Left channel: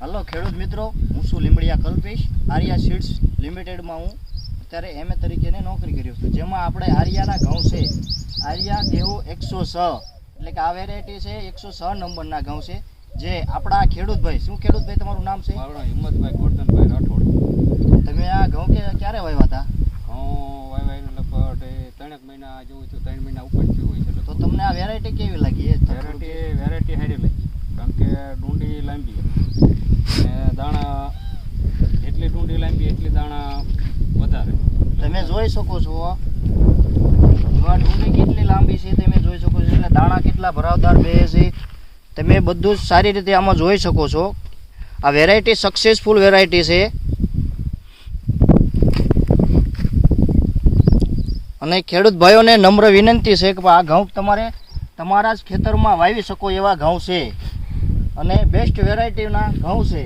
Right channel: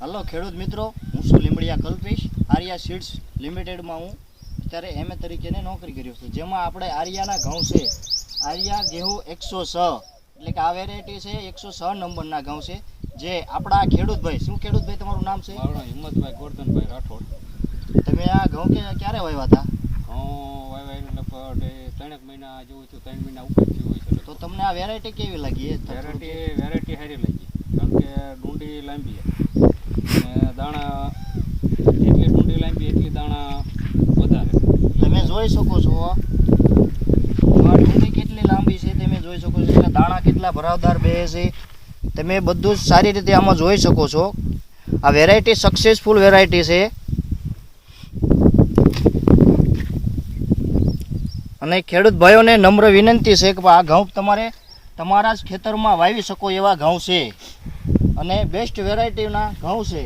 Hello ખેડૂત મિત્રો, હું છું લીંબડિયા કલ્પેશ. આર્યા સીડ્સ લિમિટેડમાં હું અત્યારે એમએ તરીકેની નોકરી કર્યો છું, જેમાં આપણે આર્યાના ઘઉં છે. આર્યા ગેહું 106 એટલે કે આ વેરાયટી છે. 106 નંબરના ઘઉં છે, જે આપણા ખેડૂતભાઈ, શું ખેડૂતભાઈ તમારું નામ છે? મારું નામ હિંમતભાઈ ગોરધનભાઈ રાઠોડ. તમે આ ઘઉં ક્યારે વાવ્યા હતા? ઘઉં વાવ્યા લગભગ 3 મહિના જેવું થયું, 3 મહિના ઉપર થયું હોય છે. તો તમને આ વેરાયટી કેવી લાગી? વેરાયટી સારી લાગી, કારણ કે ડુંડી લાંબી અને દાણા એટલી ડુંડી લાંબી એટલી દાણા વધારે. તમે જોઈ શકો છો આ ડુંડી કેટલી લાંબી છે, તમે જોઈ શકો છો. એટલે દાણા કેટલા ભરાવદાર બે છે, તમે બધું જ સારી રીતે આમાં જોઈ શકો છો. આ વેરાયટી સક્સેસફુલ વેરાયટી છે. અને ખેડૂત ભાઈઓને નમ્ર વિનંતી છે કે આ ઘઉં તમારે તમારા જ ખેતરમાં વાવી શકો એવા ઘઉં છે અને બેસ્ટ વેરાયટીના ઘઉં છે.